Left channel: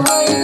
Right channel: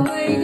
away.